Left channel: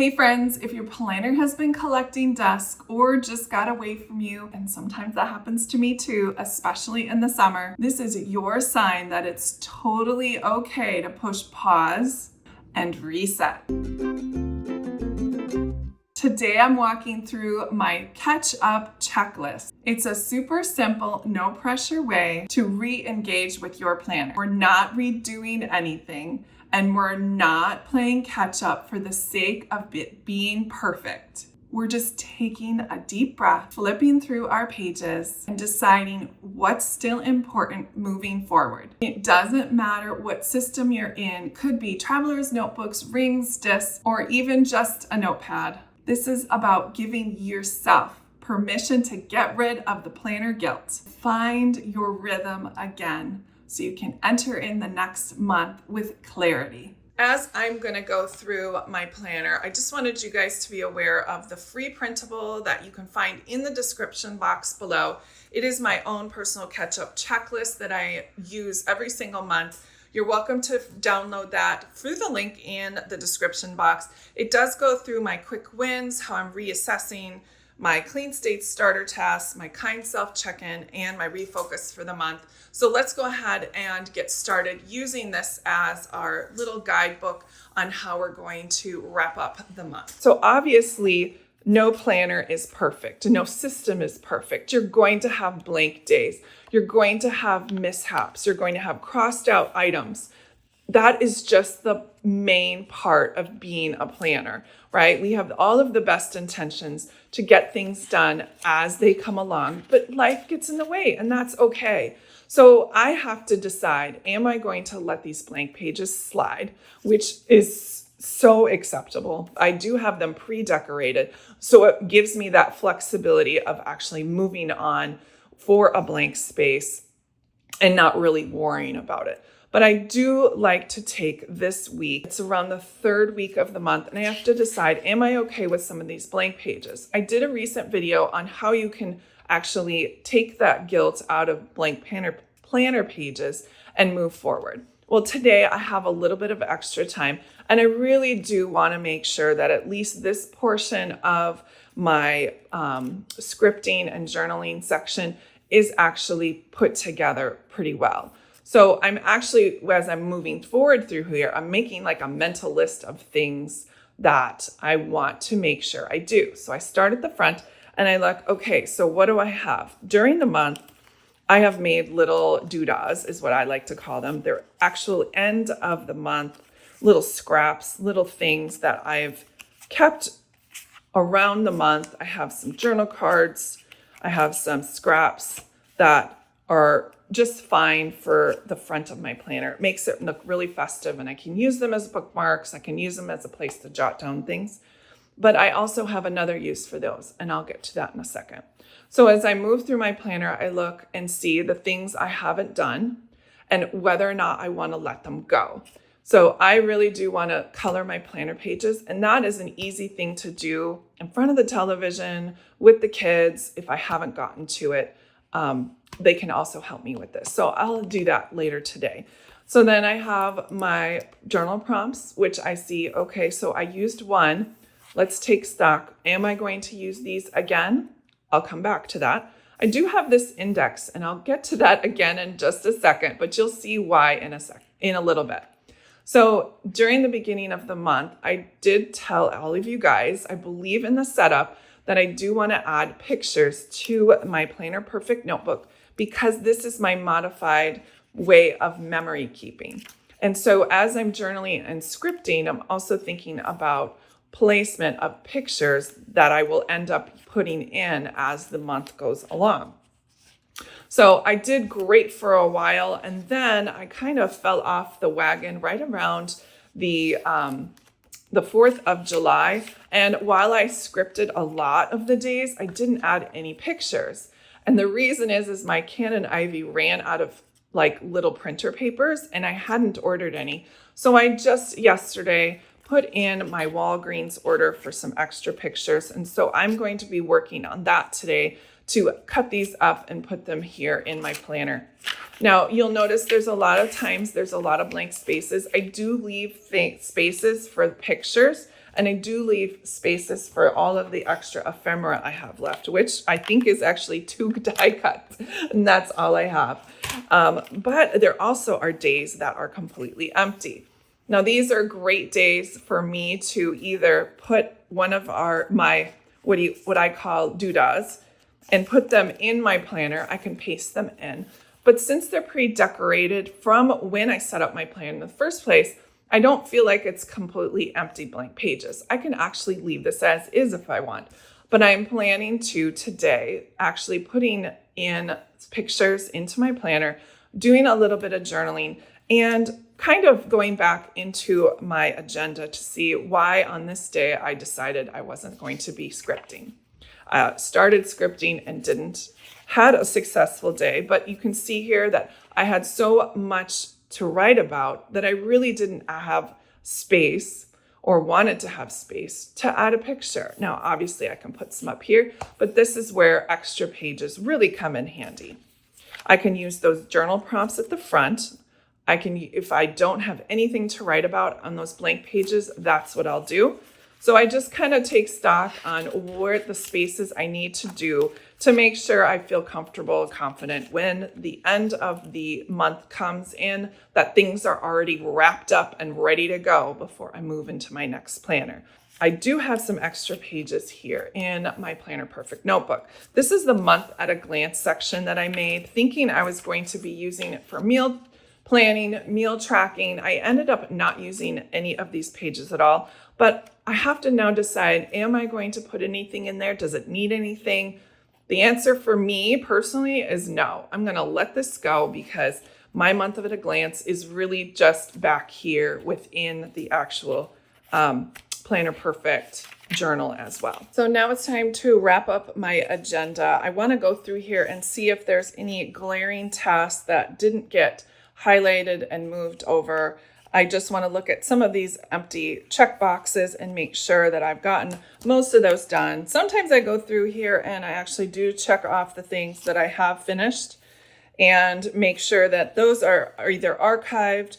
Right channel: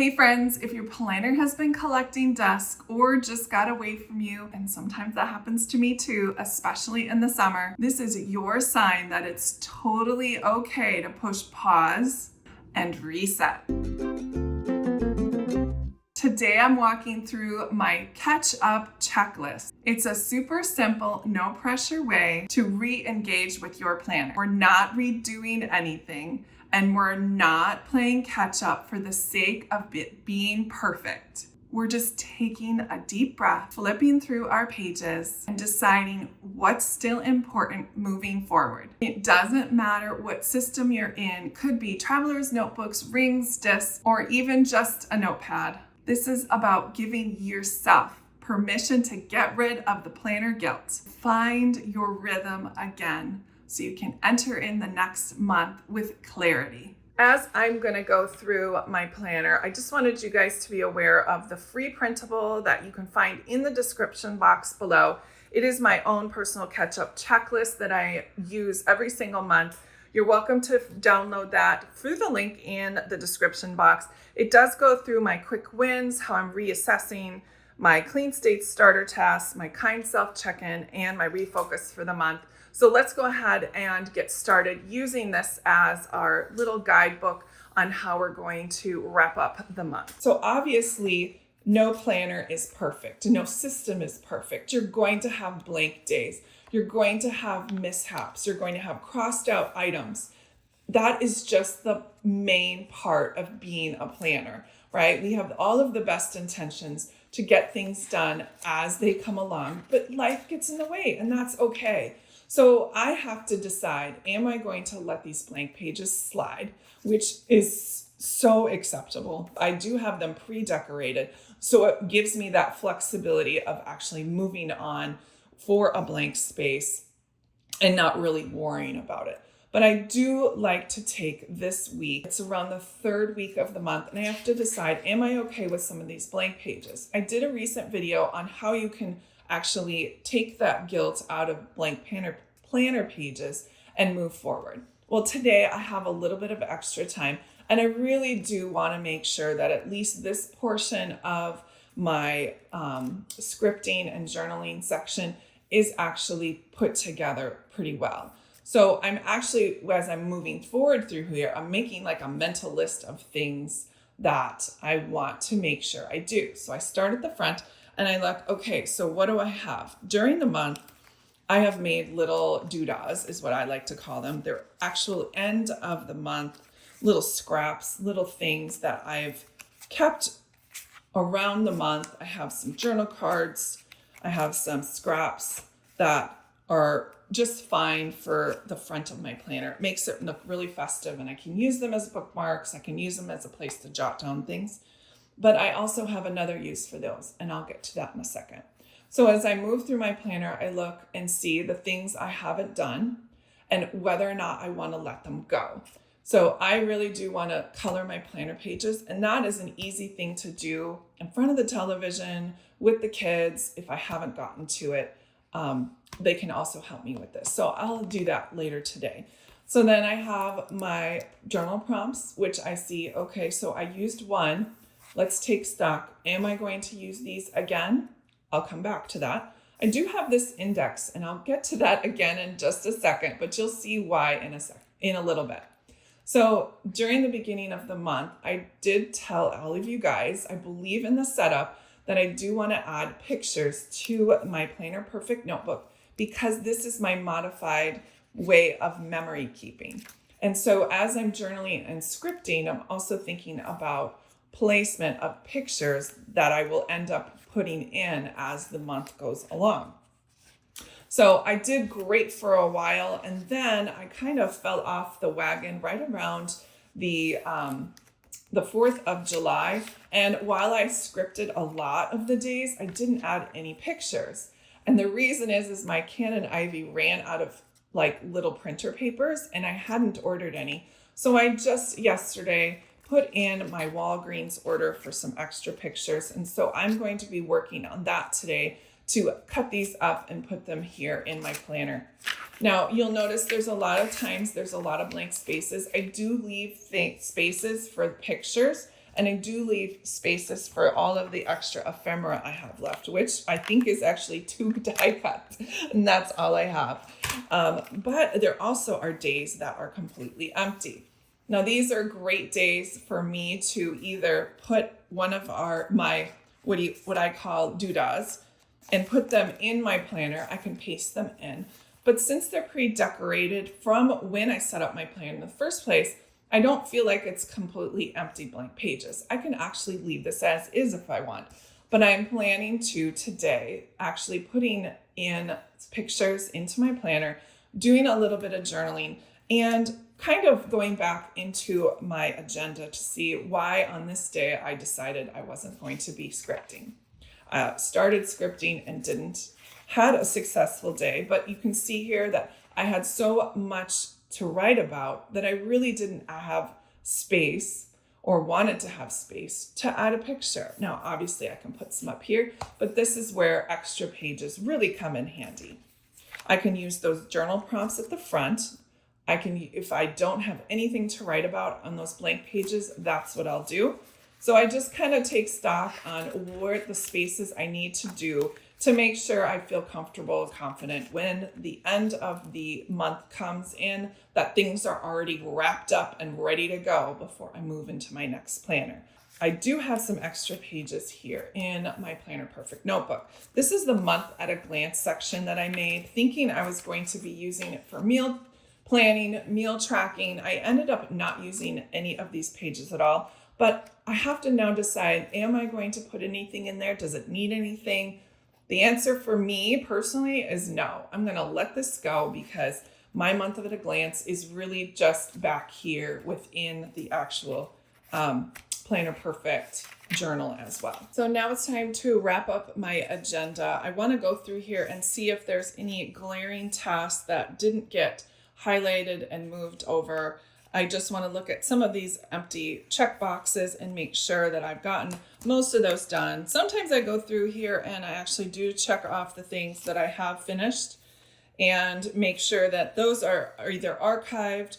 Hey friends, if your planner has been collecting dust or just got away from you, and sometimes that happens to me too, especially in the summer, this is your sign that it's totally okay to push pause and reset. Today I'm walking through my catch-up checklist. It's a super simple, no pressure way to re-engage with your planner. We're not redoing anything, and we're not playing catch-up for the sake of it being perfect. We're just taking a deep breath, flipping through our pages, and deciding what's still important moving forward. It doesn't matter what system you're in. Could be traveler's notebooks, rings, discs, or even just a notepad. This is about giving yourself permission to get rid of the planner guilt. Find your rhythm again so you can enter in the next month with clarity. As I'm going to go through my planner, I just wanted you guys to be aware of the free printable that you can find in the description box below. It is my own personal catch-up checklist that I use every single month. You're welcome to download that through the link in the description box. It does go through my quick wins, how I'm reassessing my clean state starter tasks, my kind self check-in, and my refocus for the month. So let's go ahead and get started using this as our little guidebook on how we're going to wrap up the month. So obviously, no planner is perfect. No system is perfect. You're going to have blank days. You're going to have mishaps. You're going to have crossed out items. That is just the main part of being a planner, right? We have all of the best intentions to get things done as they come along, but life gets in the way, and that's okay. So I have to decide, am I going to let these blank pages slide, which is so acceptable. I do have them pre-decorated, so it gives me that flexibility of actually moving on for a blank space and not really worrying about it. But I do like to take this week, it's around the third week of the month, and I have to decide, am I okay with some of these blank pages? I did a recent video on how you can actually take that guilt out of blank planner pages and move forward. Well, today I have a little bit of extra time, and I really do want to make sure that at least this portion of my scripting and journaling section is actually put together pretty well. So I'm actually, as I'm moving forward through here, I'm making like a mental list of things that I want to make sure I do. So I start at the front and I look, okay, so what do I have? During the month, I have made little doodahs, is what I like to call them. They're actual end of the month, little scraps, little things that I've kept around the month. I have some journal cards. I have some scraps that are just fine for the front of my planner. It makes it look really festive, and I can use them as bookmarks. I can use them as a place to jot down things. But I also have another use for those, and I'll get to that in a second. So as I move through my planner, I look and see the things I haven't done and whether or not I want to let them go. So I really do want to color my planner pages, and that is an easy thing to do in front of the television with the kids. If I haven't gotten to it, they can also help me with this. So I'll do that later today. So then I have my journal prompts, which I see, okay, so I used one. Let's take stock. Am I going to use these again? I'll come back to that. I do have this index, and I'll get to that again in just a second, but you'll see why in a little bit. So during the beginning of the month, I did tell all of you guys, I believe in the setup, that I do want to add pictures to my Planner Perfect notebook because this is my modified way of memory keeping. And so as I'm journaling and scripting, I'm also thinking about placement of pictures that I will end up putting in as the month goes along. So I did great for a while, and then I kind of fell off the wagon right around the 4th of July. And while I scripted a lot of the days, I didn't add any pictures. And the reason is my Canon Ivy ran out of like little printer papers, and I hadn't ordered any. So I just yesterday put in my Walgreens order for some extra pictures. And so I'm going to be working on that today to cut these up and put them here in my planner. Now, you'll notice there's a lot of blank spaces. I do leave spaces for pictures, And I do leave spaces for all of the extra ephemera I have left, which I think is actually 2 die cuts, and that's all I have. But there also are days that are completely empty. Now, these are great days for me to either put one of my what I call doodahs and put them in my planner. I can paste them in. But since they're pre-decorated from when I set up my plan in the first place, I don't feel like it's completely empty blank pages. I can actually leave this as is if I want. But I'm planning to today actually putting in pictures into my planner, doing a little bit of journaling, and kind of going back into my agenda to see why on this day I decided I wasn't going to be scripting. I started scripting and didn't. Had a successful day, but you can see here that I had so much to write about that I really didn't have space or wanted to have space to add a picture. Now, obviously I can put some up here, but this is where extra pages really come in handy. I can use those journal prompts at the front. I can, if I don't have anything to write about on those blank pages, that's what I'll do. So I just kind of take stock on what the spaces I need to do to make sure I feel comfortable and confident when the end of the month comes in, that things are already wrapped up and ready to go before I move into my next planner. I do have some extra pages here in my Planner Perfect notebook. This is the month at a glance section that I made, thinking I was going to be using it for meal planning, meal tracking. I ended up not using any of these pages at all, but I have to now decide, am I going to put anything in there? Does it need anything? The answer for me personally is no. I'm going to let this go because my month of at a glance is really just back here within the actual Planner Perfect journal as well. So now it's time to wrap up my agenda. I want to go through here and see if there's any glaring tasks that didn't get highlighted and moved over. I just want to look at some of these empty check boxes and make sure that I've gotten most of those done. Sometimes I go through here and I actually do check off the things that I have finished and make sure that those are either archived.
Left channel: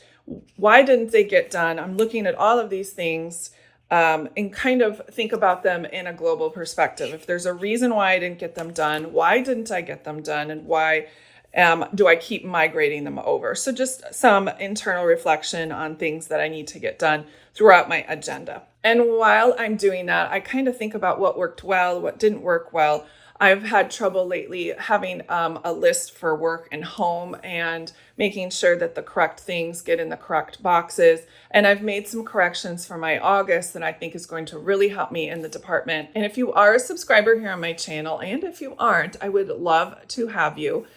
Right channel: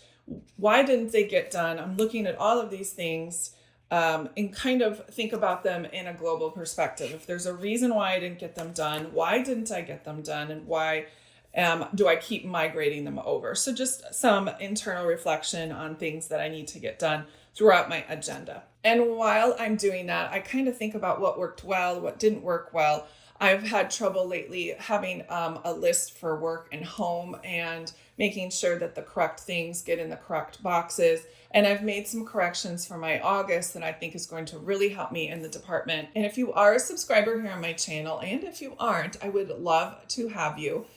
Why didn't they get done? I'm looking at all of these things and kind of think about them in a global perspective. If there's a reason why I didn't get them done, why didn't I get them done, and why do I keep migrating them over? So just some internal reflection on things that I need to get done throughout my agenda. And while I'm doing that, I kind of think about what worked well, what didn't work well. I've had trouble lately having a list for work and home and making sure that the correct things get in the correct boxes. And I've made some corrections for my August that I think is going to really help me in the department. And if you are a subscriber here on my channel, and if you aren't, I would love to have you.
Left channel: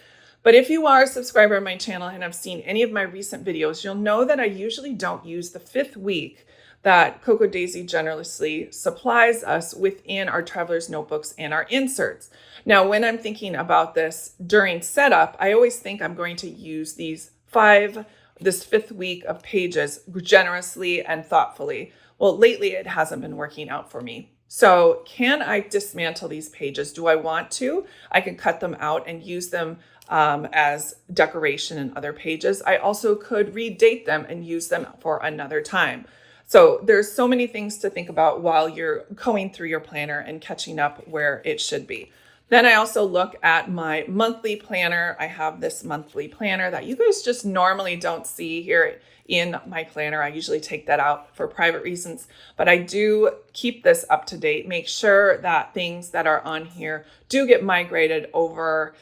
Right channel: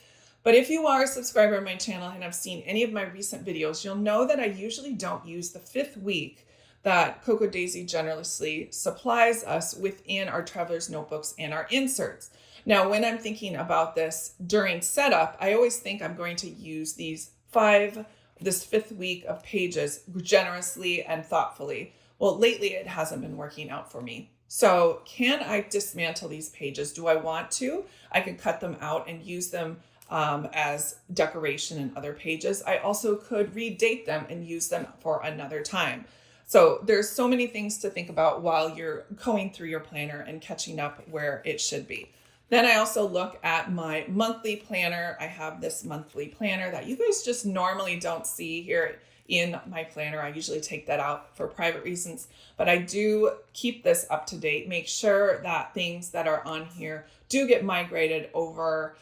But if you are a subscriber on my channel and have seen any of my recent videos, you'll know that I usually don't use the 5th week that KRODesigns generously supplies us within our traveler's notebooks and our inserts. Now, when I'm thinking about this during setup, I always think I'm going to use this 5th week of pages generously and thoughtfully. Well, lately it hasn't been working out for me. So can I dismantle these pages? Do I want to? I can cut them out and use them as decoration in other pages. I also could redate them and use them for another time. So there's so many things to think about while you're going through your planner and catching up where it should be. Then I also look at my monthly planner. I have this monthly planner that you guys just normally don't see here in my planner. I usually take that out for private reasons, but I do keep this up to date, make sure that things that are on here do get migrated over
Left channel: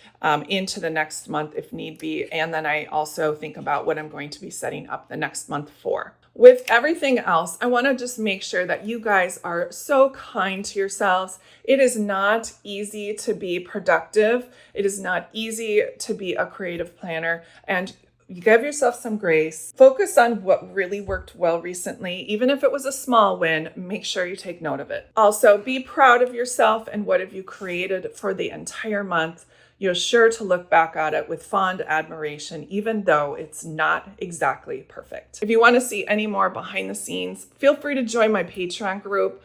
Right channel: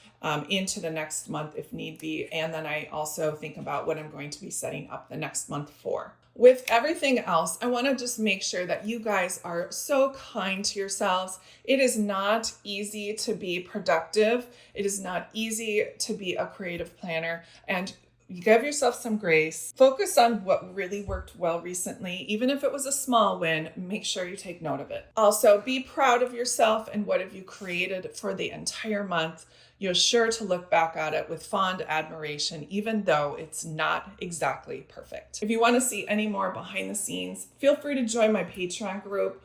into the next month if need be. And then I also think about what I'm going to be setting up the next month for. With everything else, I want to just make sure that you guys are so kind to yourselves. It is not easy to be productive. It is not easy to be a creative planner, and give yourself some grace. Focus on what really worked well recently. Even if it was a small win, make sure you take note of it. Also, be proud of yourself and what have you created for the entire month. You're sure to look back at it with fond admiration, even though it's not exactly perfect. If you want to see any more behind the scenes, feel free to join my Patreon group.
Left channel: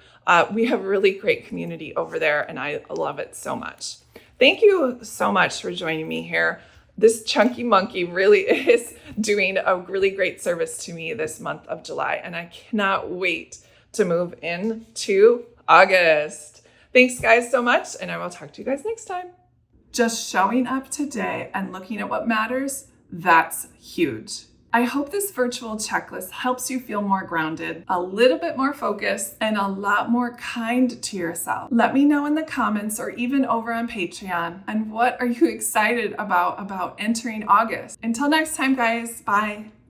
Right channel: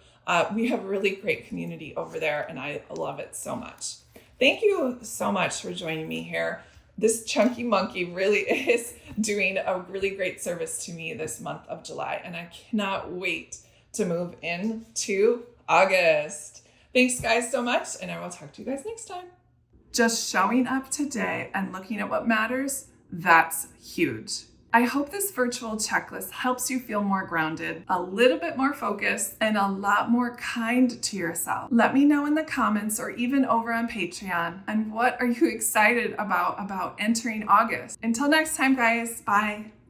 We have a really great community over there, and I love it so much. Thank you so much for joining me here. This chunky monkey really is doing a really great service to me this month of July, and I cannot wait to move into August. Thanks guys so much, and I will talk to you guys next time. Just showing up today and looking at what matters, that's huge. I hope this virtual checklist helps you feel more grounded, a little bit more focused, and a lot more kind to yourself. Let me know in the comments or even over on Patreon. And what are you excited about entering August? Until next time, guys, bye.